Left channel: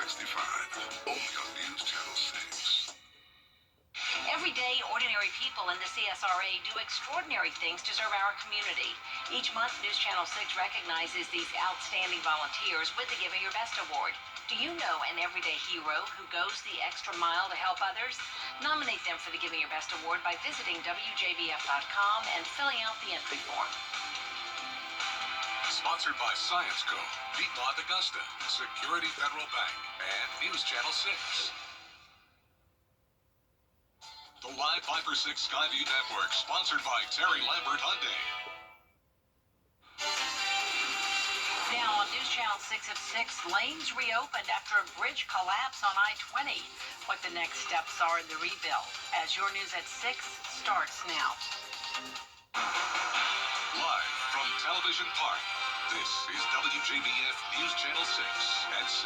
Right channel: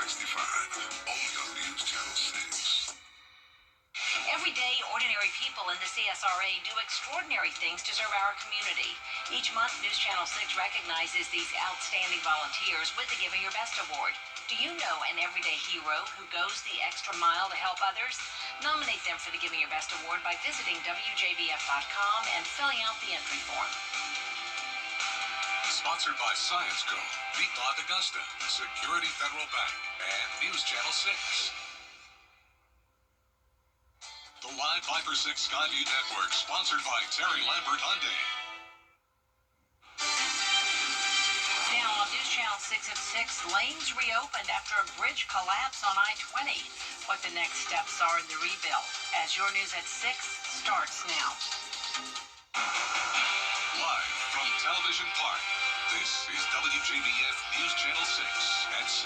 65, only on News Channel 6. Every day, ordinary people in the CSRA do extraordinary things to serve our community. Each month, News Channel 6 recognizes these outstanding volunteers with the Giving Your Best Award. Do you know an everyday hero who goes the extra mile to help others? Nominate them for the Giving Your Best Award by visiting WJBF.com and filling out the entry form. Sponsored by Science Co., Piedmont Augusta, Security Federal Bank, and News Channel 6. The Live 5 for 6 Skyview Network, sponsored by Terry Lambert Hyundai. Now on News Channel 6 at 6, lanes reopened after a bridge collapse on I-20. What the next steps are in the rebuild, as your News at 6 starts now. Live from Television Park, this is WJBF News Channel 6 at 6.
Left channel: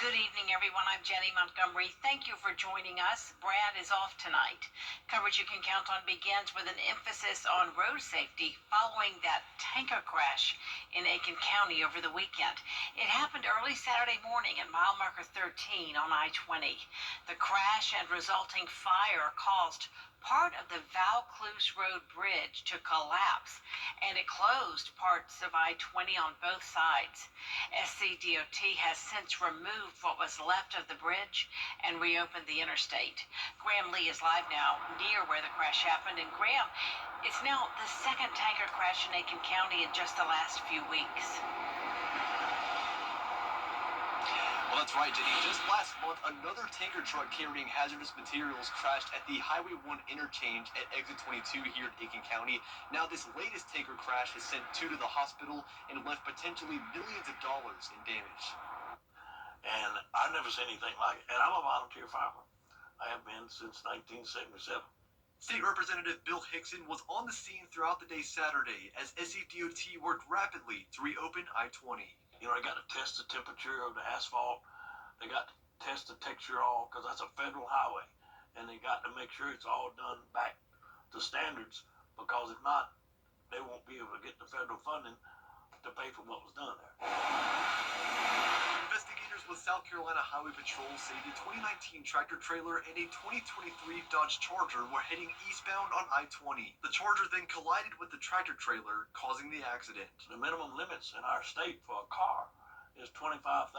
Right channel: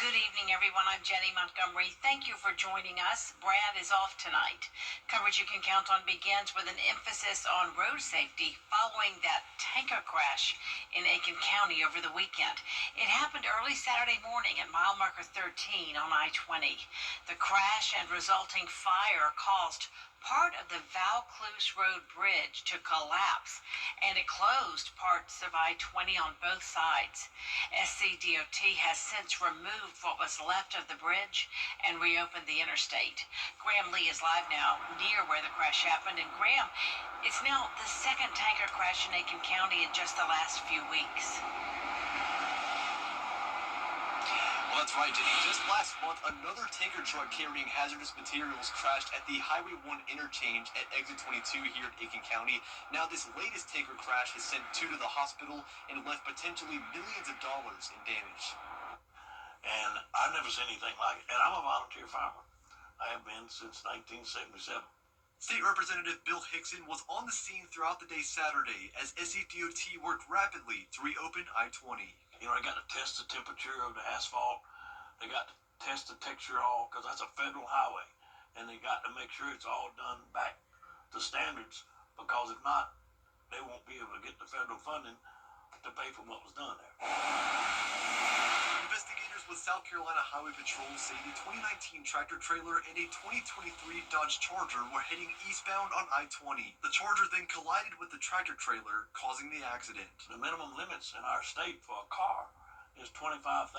Good evening, everyone. I'm Jenny Montgomery. Thank you for joining us. Brad is off tonight. Coverage you can count on begins with an emphasis on road safety following that tanker crash in Aiken County over the weekend. It happened early Saturday morning at mile marker 13 on I-20. The crash and resulting fire caused part of the Vaucluse Road Bridge to collapse, and it closed parts of I-20 on both sides. SCDOT has since removed what was left of the bridge and reopened the interstate. Graham Lee is live now near where the crash happened, and Graham, it's now the second tanker crash in Aiken County in just the last few weeks. Well, that's right, Jenny. Just last month, another tanker truck carrying hazardous materials crashed at the Highway 1 interchange at Exit 22 here in Aiken County. Now, this latest tanker crash has sent two to the hospital and left potentially millions of dollars in damage. And I've never seen anything like it. And I'm a volunteer farmer. I have been since 1977. State Representative Bill Hickson was on the scene throughout the day Saturday as SCDOT worked rapidly to reopen I-20. You know, they got to test the temperature of the asphalt. They got to test the texture all, because that's a federal highway. And they got to make sure it's all done back to standards, because if not, they won't be able to get the federal funding to pay for what was done there. Investigators with South Carolina Highway Patrol say the 2019 tractor trailer and a 2023 Dodge Charger were heading eastbound on I-20. The Charger then collided with the tractor trailer, causing the accident. The minimum limits in our state for a car is $25,000,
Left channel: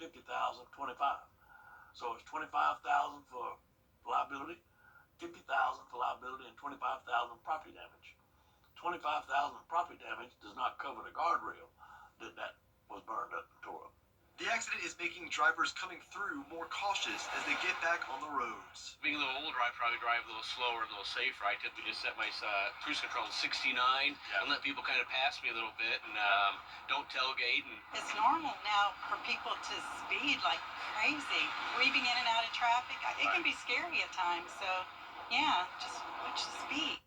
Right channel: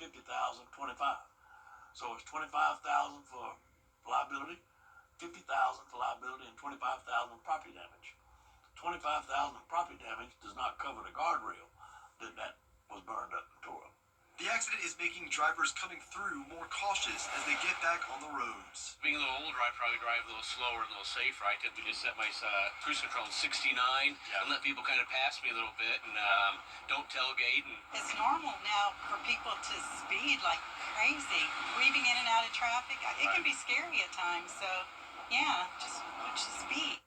$50,000, $25,000. So it's $25,000 for liability, $50,000 for liability, and $25,000 property damage. $25,000 property damage does not cover the guardrail that was burned up and tore up. The accident is making drivers coming through more cautious as they get back on the roads. Being a little older, I probably drive a little slower, a little safer. I typically just set my cruise control to 69 and let people kind of pass me a little bit, and don't tailgate. And it's normal now for people to speed like crazy, weaving in and out of traffic. It can be scary at times, so yeah, just watch the speed.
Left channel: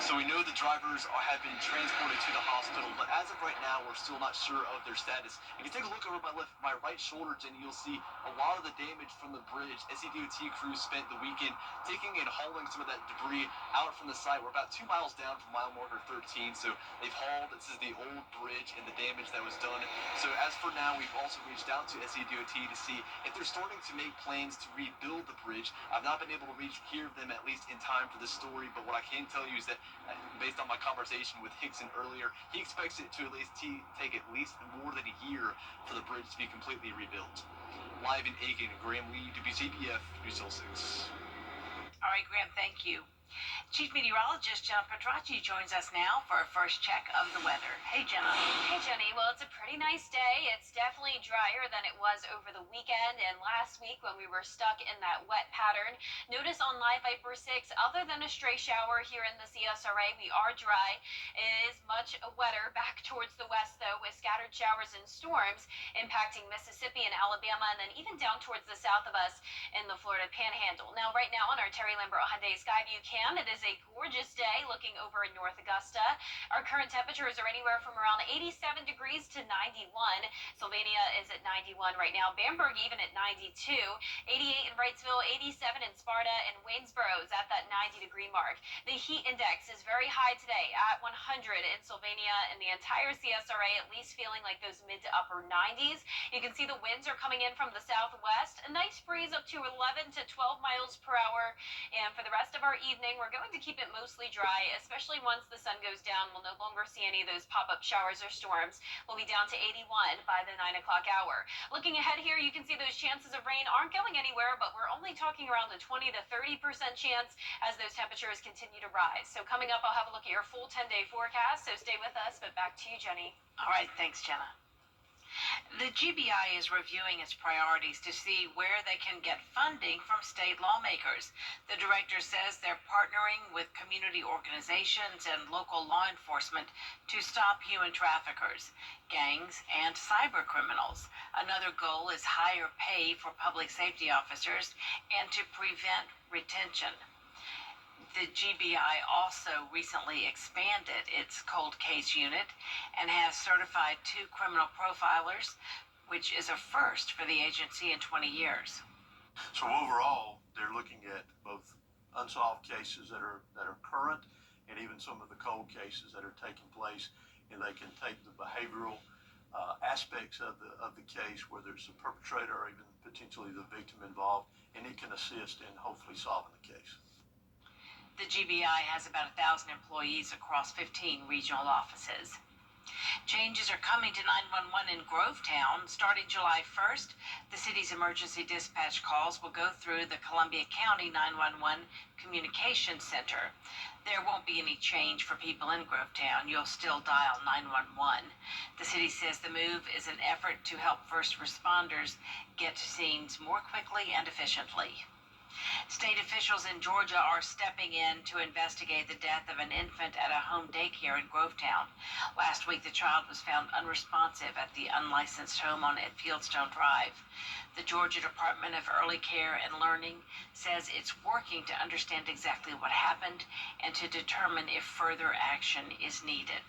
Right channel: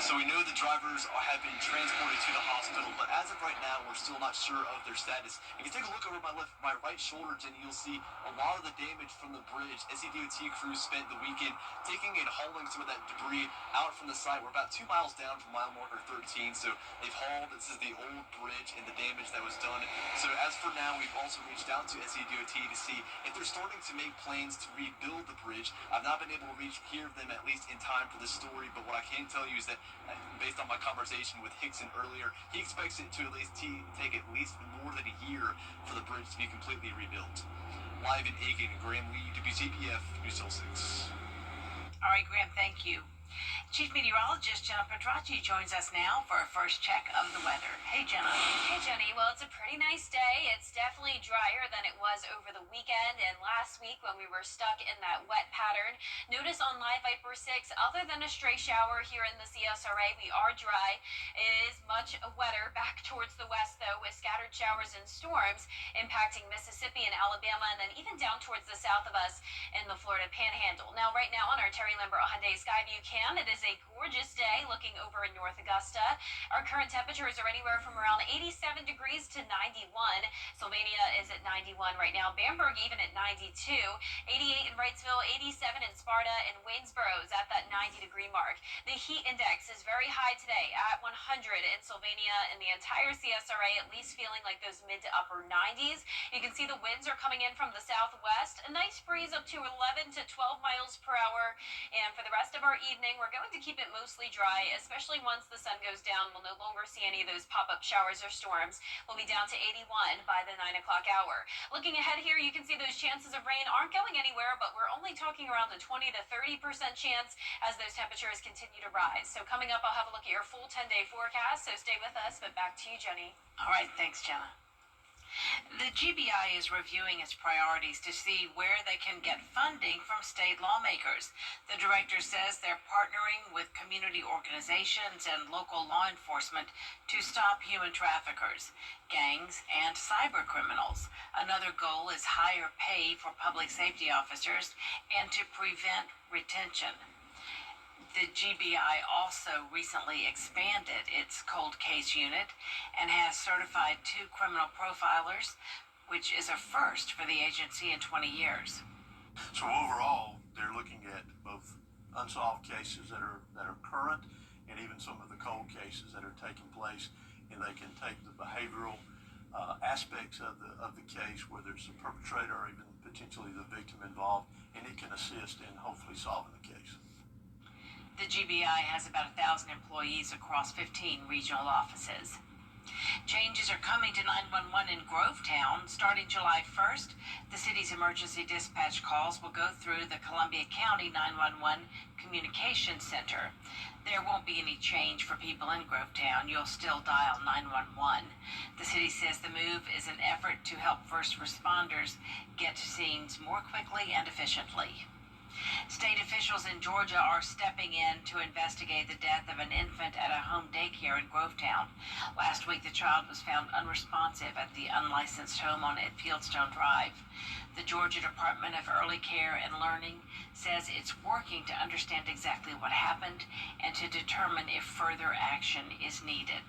So we know the drivers have been transported to the hospital, but as of right now, we're still not sure of their status. If you take a look over my right shoulder, Jenny, you'll see a lot of the damage from the bridge. SCDOT crews spent the weekend taking and hauling some of that debris out from the site. We're about 2 miles down from mile marker 13, so they've hauled. This is the old bridge and the damage that was done. So as for now, we've also reached out to SCDOT to see if they're starting to make plans to rebuild the bridge. I've not been able to hear them at least in time for this story, but what I can tell you is that based on my conversation with Hickson earlier, he expects it to at least take at least more than a year for the bridge to be completely rebuilt. Live in Aiken, Graham Lee, WJBF, News Channel 6. All right, Graham, thank you. Chief Meteorologist Jenna Petracci joins us now for a first check of the weather. Hey, Jenna. Hey, Jenny. Well, it's a pretty nice day. It's definitely drier than it was over the weekend and last week when we were stuck in that wet pattern. Notice on Live Viper 6, other than a stray shower here in the CSRA, we are dry. It is much wetter back towards the west, though, with scattered showers and storms impacting Mississippi and Alabama, and then even down towards the south of us in the Florida Panhandle. Now, right now on our Terry Lambert Hyundai Skyview cam, it is is a gorgeous day looking over in North Augusta. Our current temperatures are anywhere from around 87 degrees to 91. Sylvania is at 91 right now. Bamberg even at 92. 88 in Wrightsville, 87 in Sparta, and Waynesboro is at that 90-degree mark. The heat index is very high today at 100 in Sylvania, and the entire CSRA at least feeling like those mid to upper 90s. You can see the winds are coming in from the southwest. A nice breeze up to 11 to 12 miles per hour. And for the rest of our evening, we're going to keep it mostly dry, especially once the sun goes down. We'll no longer see any of those pop-up showers or storms. We'll be down to 81 by the 9 o'clock hour. Looking ahead here, you can see those chances of rain aren't going anywhere, but we're only talking around a 20 to 30% chance as those temperatures continue to rise. So coming up, I'll have a look at your full 10-day forecast, so stay with us. But back to you, Jenny. All right, thanks, Jenna. The GBI is reviewing its priorities to see where they can get funding from state lawmakers. The director says they're partnering with community organizations and local law enforcement to stop human traffickers, gangs, and cyber criminals. Another goal is higher pay for public safety officers and to prevent retention. The GBI also recently expanded its cold case unit and has certified 2 criminal profilers, which is a first for the agency in 20 years. So overall, they're looking at both unsolved cases that are current and even some of the cold cases that are taking place, and they can take the behavioral aspects of the case, whether it's the perpetrator or even potentially the victim involved, and it can assist in hopefully solving the case. The GBI has about 1,000 employees across 15 regional offices. Changes are coming to 911 in Grovetown. Starting July 1st, the city's emergency dispatch calls will go through the Columbia County 911 Communication Center. There won't be any change for people in Grovetown. You'll still dial 911. The city says the move is an effort to help first responders get to scenes more quickly and efficiently. State officials in Georgia are stepping in to investigate the death of an infant at a home daycare in Grovetown. Last week, the child was found unresponsive at the unlicensed home on Fieldstone Drive. The Georgia Department of Early Care and Learning says it's working to understand exactly what happened and to determine if further action is needed.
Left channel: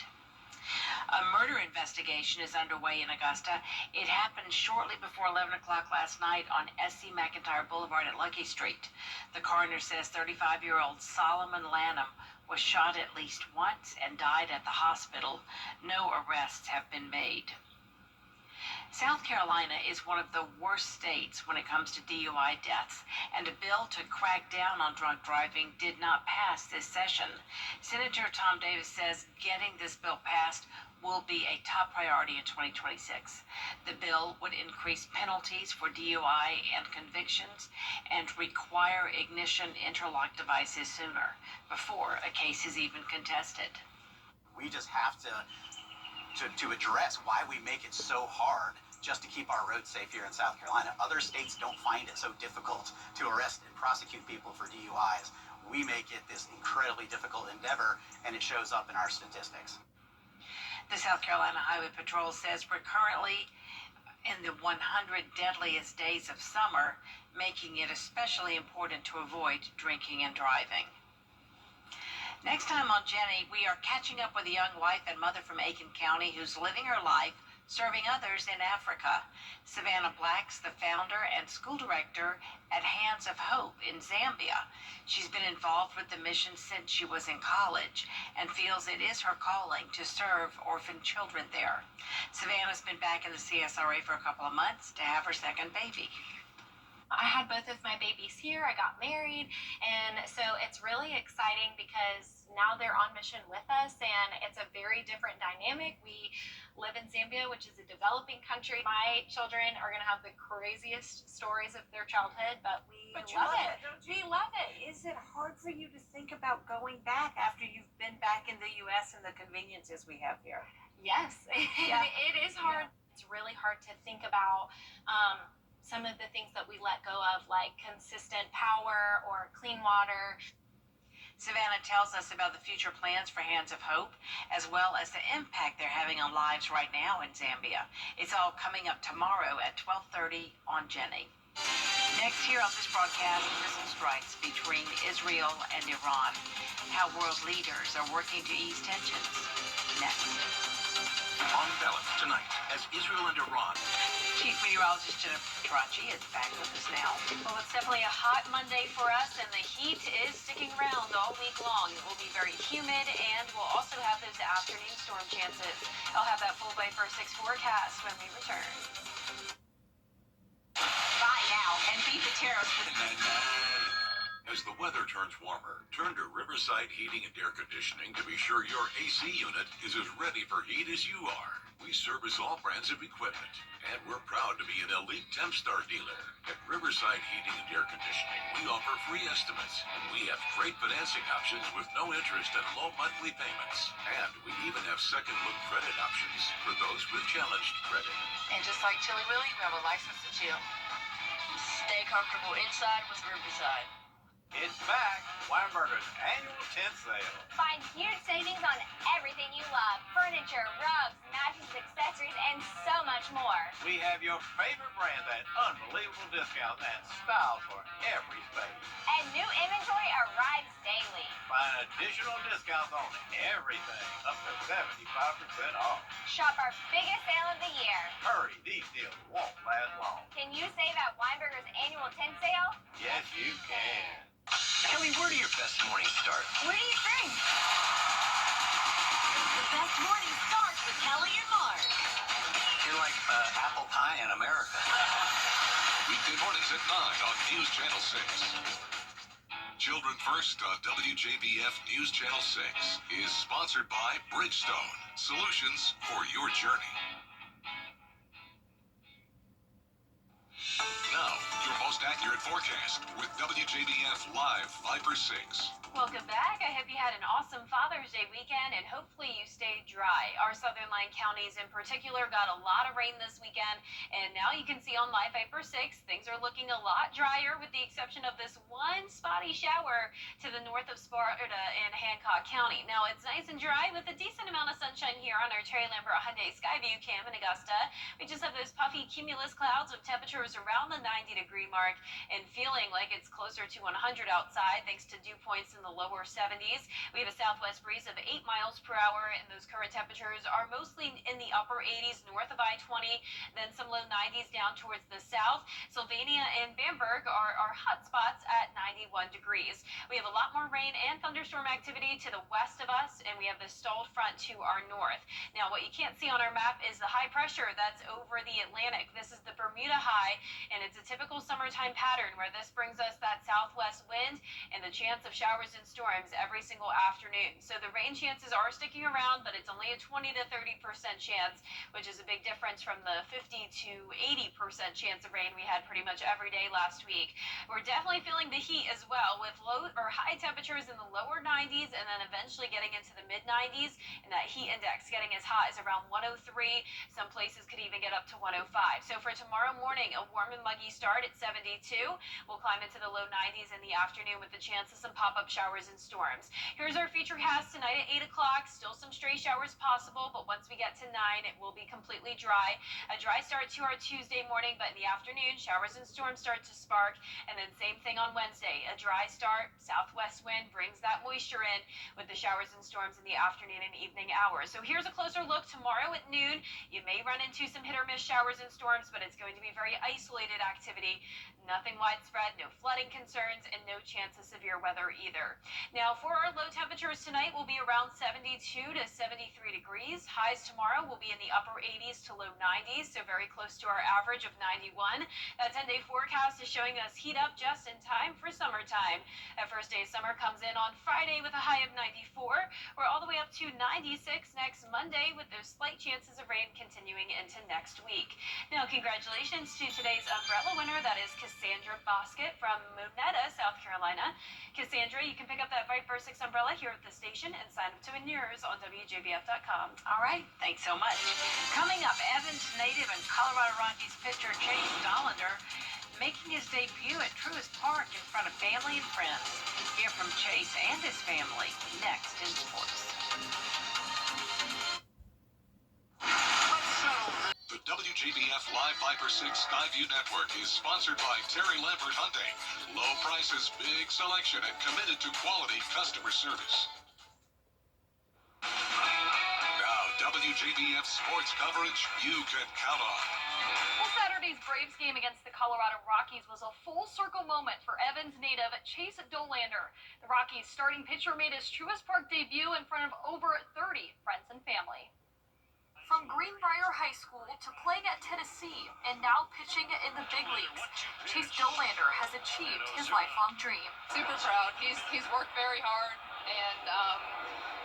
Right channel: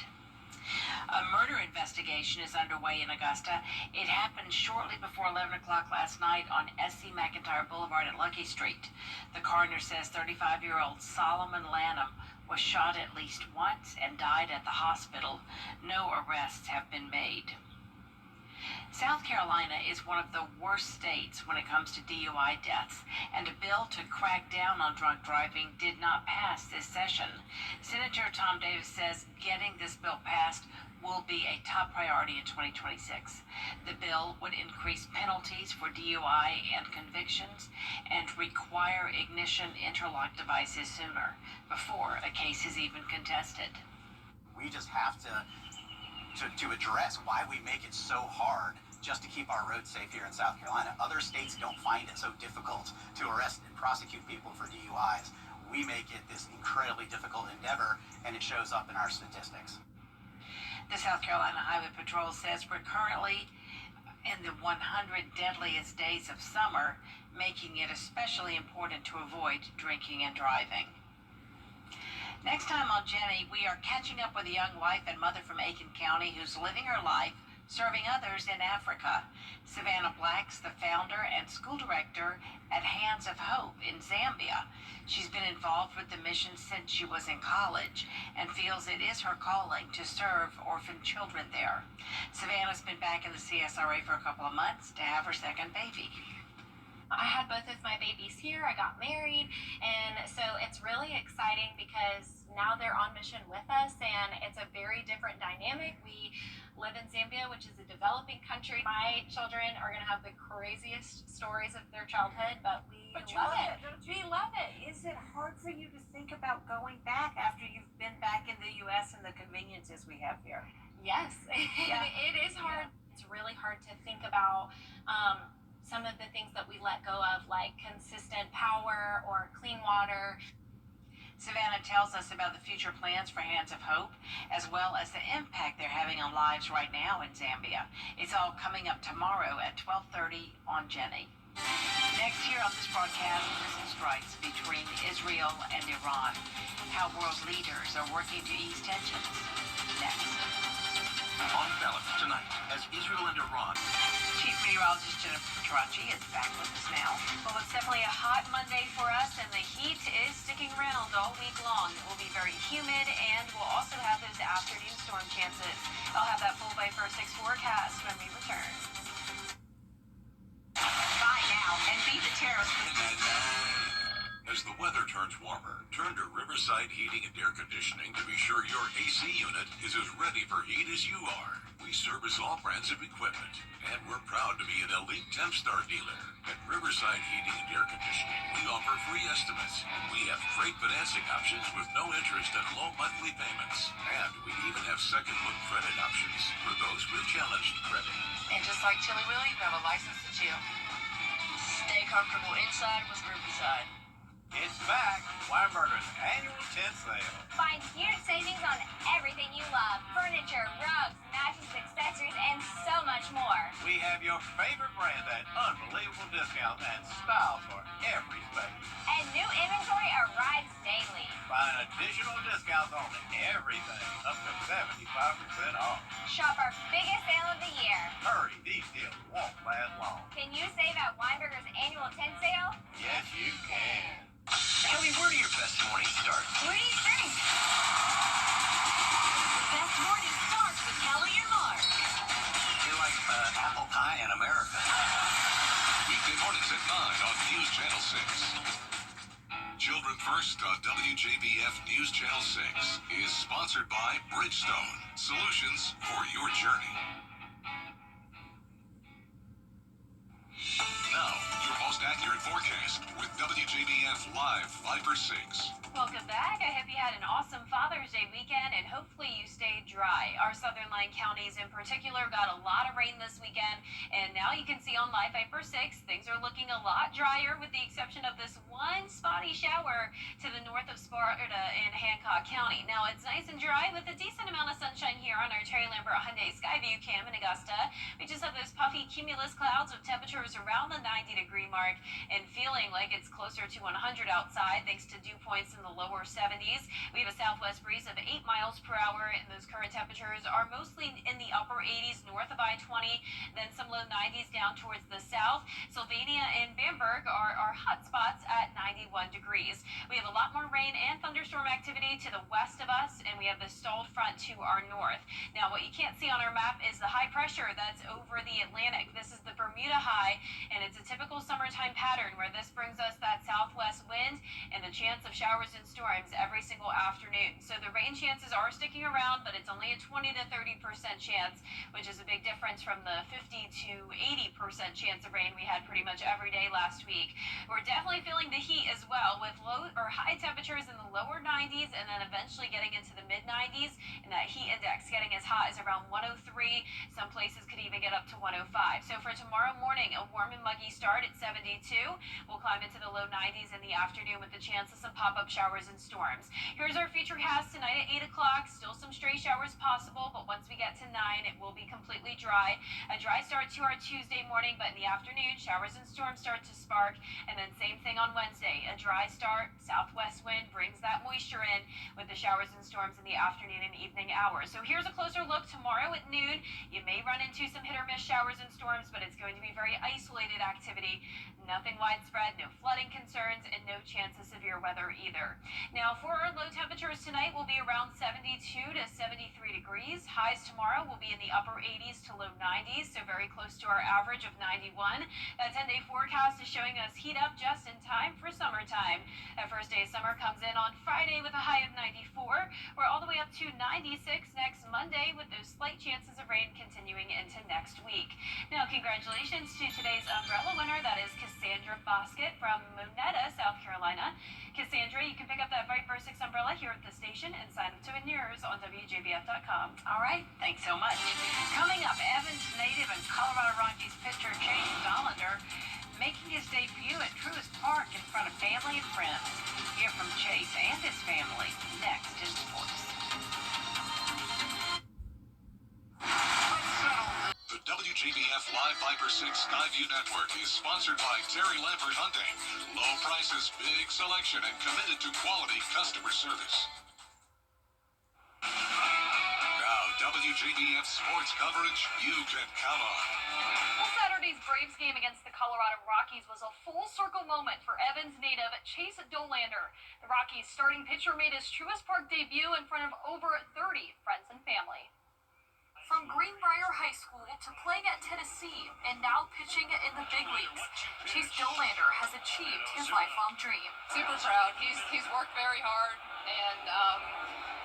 A murder investigation is underway in Augusta. It happened shortly before 11 o'clock last night on S.C. McIntyre Boulevard at Lucky Street. The coroner says 35-year-old Solomon Lanham was shot at least once and died at the hospital. No arrests have been made. South Carolina is one of the worst states when it comes to DUI deaths, and a bill to crack down on drunk driving did not pass this session. Senator Tom Davis says getting this bill passed will be a top priority in 2026. The bill would increase penalties for DUI and convictions and require ignition interlock devices sooner, before a case is even contested. We just have to address why we make it so hard just to keep our roads safe here in South Carolina. Other states don't find it so difficult to arrest and prosecute people for DUIs. We make it this incredibly difficult endeavor, and it shows up in our statistics. The South Carolina Highway Patrol says we're currently in the 100 deadliest days of summer, making it especially important to avoid drinking and driving. Next time on Jenny, we are catching up with a young wife and mother from Aiken County who's living her life serving others in Africa. Savannah Black's the founder and school director at Hands of Hope in Zambia. She's been involved with the mission since she was in college and feels it is her calling to serve orphan children there. Savannah's been back in the CSRA for a couple of months to have her second baby. I had both of my babies here. I got married, and so it's really exciting because now they're on mission with us, and it's a very different dynamic. We live in Zambia, which is a developing country. My children are going to have the craziest stories of their childhood, but we love it. We love it. Is it hard for you to think about going back after you've been back in the U.S. and the conveniences we have here? Yes, Yeah. it is hard. Yeah. It's really hard to think about some of the things that we let go of, like consistent power or clean water. Savannah tells us about the future plans for Hands of Hope, as well as the impact they're having on lives right now in Zambia. It's all coming up tomorrow at 12:30 on Jenny. Next here on this broadcast, missile strikes between Israel and Iran. How world leaders are working to ease tensions. Next. On balance tonight, as Israel and Iran. Chief Meteorologist Jennifer Petracci is back with us now. Well, it's definitely a hot Monday for us, and the heat is sticking around all week long. It will be very humid, and we'll also have those afternoon storm chances. I'll have that full by first 6 forecast when we return. Bye now, and beat the terrorists with As the weather turns warmer, turn to Riverside Heating and Air Conditioning to be sure your AC unit is as ready for heat as you are. We service all brands of equipment, and we're proud to be an elite Tempstar dealer. At Riverside Heating and Air Conditioning, we offer free estimates, and we have great financing options with no interest and low monthly payments. And we even have second look credit options for those with challenged credit. And just like Chili Willy, we have a license to chill. Stay comfortable inside with Riverside. It's back, Weinberger's annual tent sale. Find huge savings on everything you love. Furniture, rugs, mattresses, accessories, and so much more. We have your favorite brands at unbelievable discounts and styles for every space. And new inventory arrives daily. Find additional discounts on everything, up to 75% off. Shop our biggest sale of the year. Hurry, these deals won't last long. Can you save at Weinberger's annual tent sale? Yes, you can. Kelly, where do your best mornings start? What do you think? The best morning starts with Kelly and Mark. You're like apple pie in America. Weekday mornings at 9 on News Channel 6. Children First on WJBF News Channel 6 is sponsored by Bridgestone, solutions for your journey. Now, your most accurate forecast with WJBF Live Viper 6. Welcome back. I hope you had an awesome Father's Day weekend, and hopefully you stayed dry. Our southern line counties in particular got a lot of rain this weekend, and now you can see on Live Viper 6, things are looking a lot drier with the exception of this one spotty shower to the north of Sparta in Hancock County. Now, it's nice and dry with a decent amount of sunshine here on our Terry Lambert Hyundai Skyview cam in Augusta. We just have those puffy cumulus clouds with temperatures around the 90-degree mark and feeling like it's closer to 100 outside thanks to dew points in the lower 70s. We have a southwest breeze of 8 miles per hour, and those current temperatures are mostly in the upper 80s north of I-20, then some low 90s down towards the south. Sylvania and Bamberg are hot spots at 91 degrees. We have a lot more rain and thunderstorm activity to the west of us, and we have the stalled front to our north. Now, what you can't see on our map is the high pressure that's over the Atlantic. This is the Bermuda High, and it's a typical summertime pattern where this brings us that southwest wind and the chance of showers and storms every single afternoon. So the rain chances are sticking around, but it's only a 20 to 30% chance, which is a big difference from the 50 to 80% chance of rain we had pretty much every day last week. We're definitely feeling the heat as well, with low or high temperatures in the lower 90s and then eventually getting into the mid 90s, and that heat index getting as hot as around 103. Some places could even get up to 105. So for tomorrow morning, a warm and muggy start at 72. We'll climb into the low 90s in the afternoon with the chance of some pop-up showers and storms. Here's our future cast tonight at 8 o'clock. Still some stray showers possible, but once we get to 9, it will be completely dry. A dry start to our Tuesday morning, but in the afternoon, showers and storms start to spark. And then same thing on Wednesday. A dry start, southwest wind brings that moisture in with the showers and storms in the afternoon and evening hours. So here's a closer look tomorrow at noon. You may run into some hit or miss showers and storms, but it's going to be very isolated activity. Nothing widespread, no flooding concerns, and no chance of severe weather either. Now, for our low temperatures tonight, will be around 72 to 73 degrees. Highs tomorrow will be in the upper 80s to low 90s, so very close to our average of 91. That 10-day forecast is showing us heat up just in time for summertime. That first day of summer comes in on Friday with a high of 94. We're all the way up to 96 next Monday, with those slight chances of rain continuing into next week. Now, congratulations to today's umbrella winner. That is Cassandra Bosket from Monetta, South Carolina. Cassandra, you can pick up that Viper 6 umbrella here at the station and sign up to win yours on WJBF.com. All right, thanks so much. Coming up, Evans native and Colorado Rockies pitcher Chase Dollander making his debut at Truist Park in front of family and friends. Hear from Chase and his family next in sports. The WJBF WJBF Live Viper 6 Skyview Network is sponsored by Terry Lambert Hunting. Low prices, big selection, and committed to quality customer service. Now, WJBF sports coverage you can count on. Well, Saturday's Braves game against the Colorado Rockies was a full circle moment for Evans native Chase Dollander. The Rockies starting pitcher made his Truist Park debut in front of over 30 friends and family. From Greenbrier High School to playing at Tennessee and now pitching in the big leagues, Chase Dollander has achieved his lifelong dream. Super proud. He's worked very hard, and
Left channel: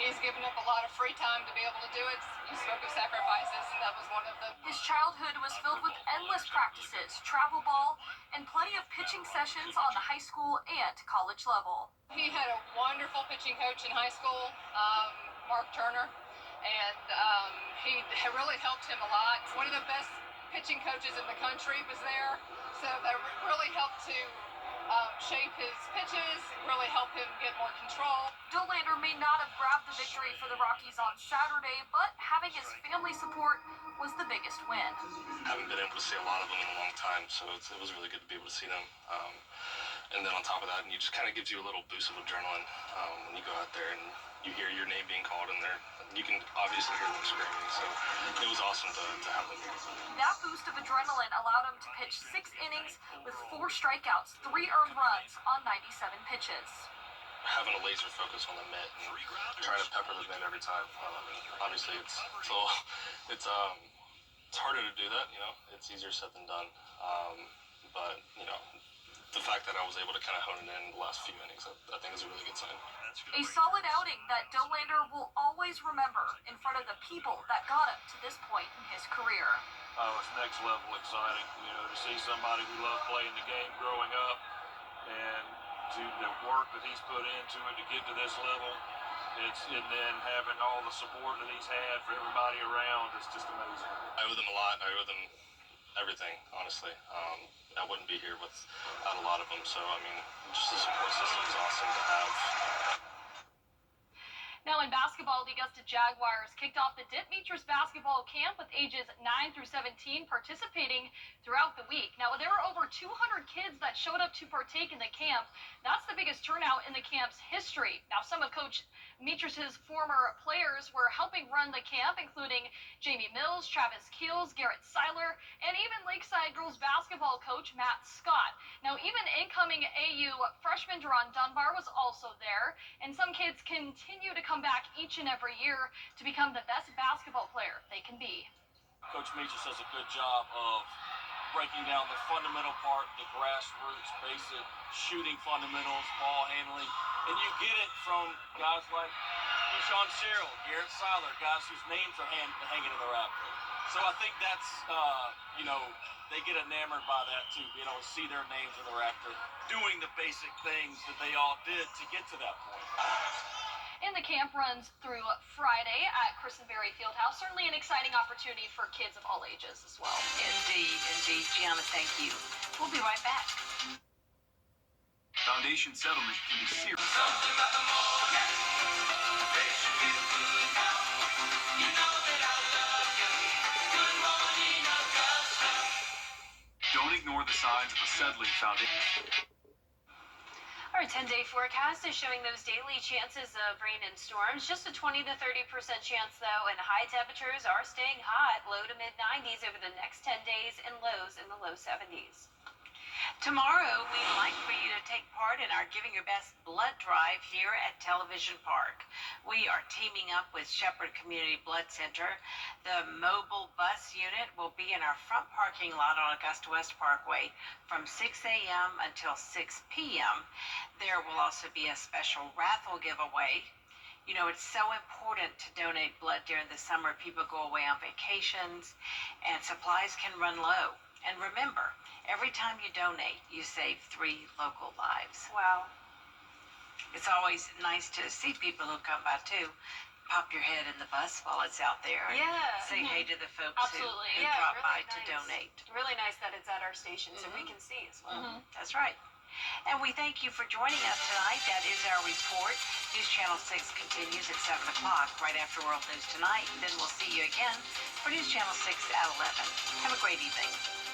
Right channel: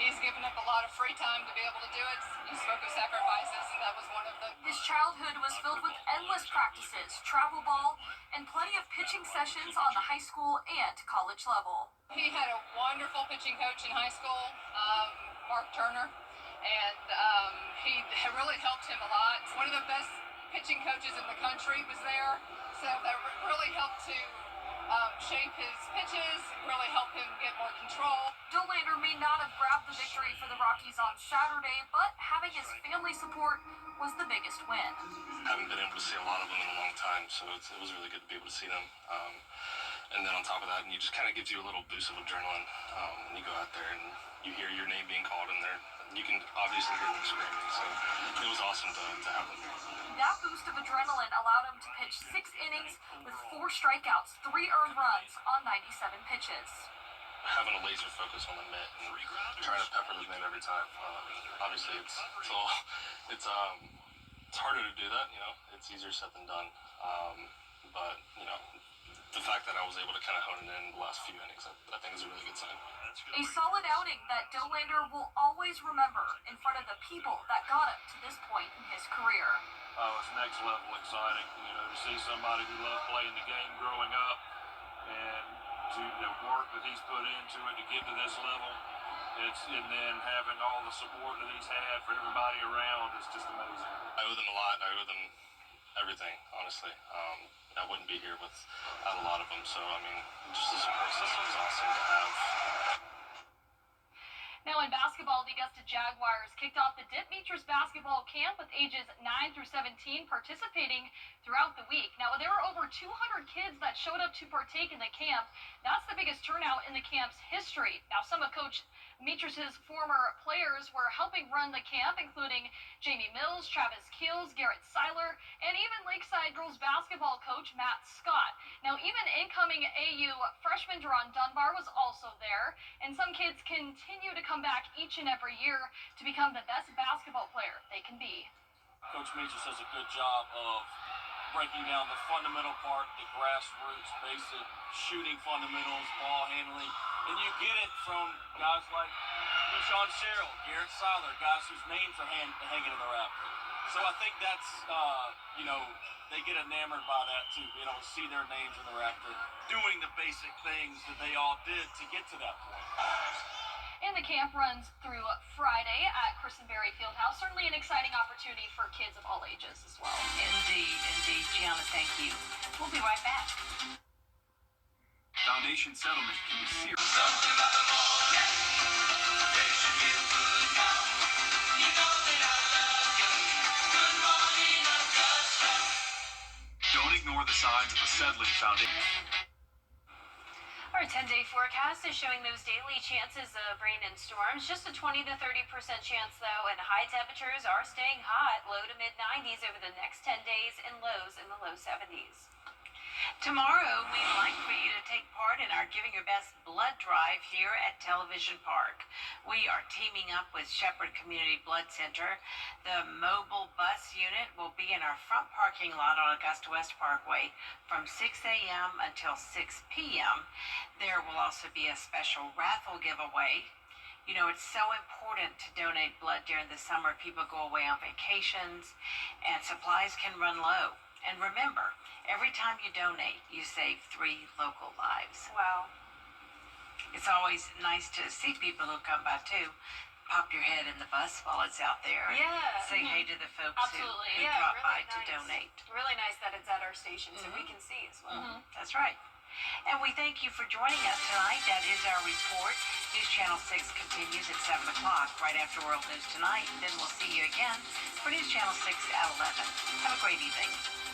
he's given up a lot of free time to be able to do it. He spoke of sacrifices, and that was one of them. His childhood was filled with endless practices, travel ball, and plenty of pitching sessions on the high school and college level. He had a wonderful pitching coach in high school, Mark Turner, and he really helped him a lot. One of the best pitching coaches in the country was there, so that really helped to shape his pitches, really help him get more control. Dollander may not have grabbed the victory for the Rockies on Saturday, but having his family support was the biggest win. Haven't been able to see a lot of them in a long time, so it was really good to be able to see them. And then on top of that, it just kind of gives you a little boost of adrenaline when you go out there and you hear your name being called in there. You can obviously hear them screaming, so it was awesome to have them. That boost of adrenaline allowed him to pitch 6 innings with 4 strikeouts, 3 earned runs on 97 pitches. Having a laser focus on the mitt and trying to pepper the mitt every time. Obviously, it's harder to do that. It's easier said than done. But the fact that I was able to kind of hone it in the last few innings, I think is a really good sign. A solid outing that Dollander will always remember in front of the people that got him to this point in his career. Oh, it's next level exciting, to see somebody who loved playing the game growing up and to the work that he's put into it to get to this level. And then having all the support that he's had for everybody around is just amazing. I owe them a lot. I owe them everything, honestly. I wouldn't be here without a lot of them. So, just the support system is awesome to have. Now in basketball, the Augusta Jaguars kicked off the Dip Metres basketball camp with ages 9 through 17 participating throughout the week. Now there were over 200 kids that showed up to partake in the camp. That's the biggest turnout in the camp's history. Now some of Coach Metres' former players were helping run the camp, including Jamie Mills, Travis Keels, Garrett Seiler, and even Lakeside girls basketball coach Matt Scott. Now even incoming AU freshman Deron Dunbar was also there, and some kids continue to come back each and every year to become the best basketball player they can be. Coach Metres does a good job of breaking down the fundamental part, the grassroots, basic shooting fundamentals, ball handling, and you get it from guys like Sean Sherrill, Garrett Seiler, guys whose names are hanging in the rafters. So I think that's, they get enamored by that too, being able to see their names in the rafter, doing the basic things that they all did to get to that point. And the camp runs through Friday at Christenberry Fieldhouse. Certainly an exciting opportunity for kids of all ages as well. Indeed. Gianna, thank you. We'll be right back. Foundation settlement can be serious. Don't ignore the signs of a settling foundation. Our 10-day forecast is showing those daily chances of rain and storms. Just a 20 to 30% chance, though, and high temperatures are staying hot, low to mid-90s over the next 10 days and lows in the low 70s. Tomorrow, we'd like for you to take part in our Giving Your Best blood drive here at Television Park. We are teaming up with Shepherd Community Blood Center. The mobile bus unit will be in our front parking lot on Augusta West Parkway from 6 a.m. until 6 p.m. There will also be a special raffle giveaway. It's so important to donate blood during the summer. People go away on vacations, and supplies can run low. And remember, every time you donate, you save 3 local lives. Wow. It's always nice to see people who come by, too. Pop your head in the bus while it's out there. Yeah. Say hey to the folks who Absolutely. drop really by to nice. donate. Really nice that it's at our station so we can see as well. That's right. And we thank you for joining us tonight. That is our report. News Channel 6 continues at 7 o'clock, right after World News Tonight. Then we'll see you again for News Channel 6 at 11. Have a great evening.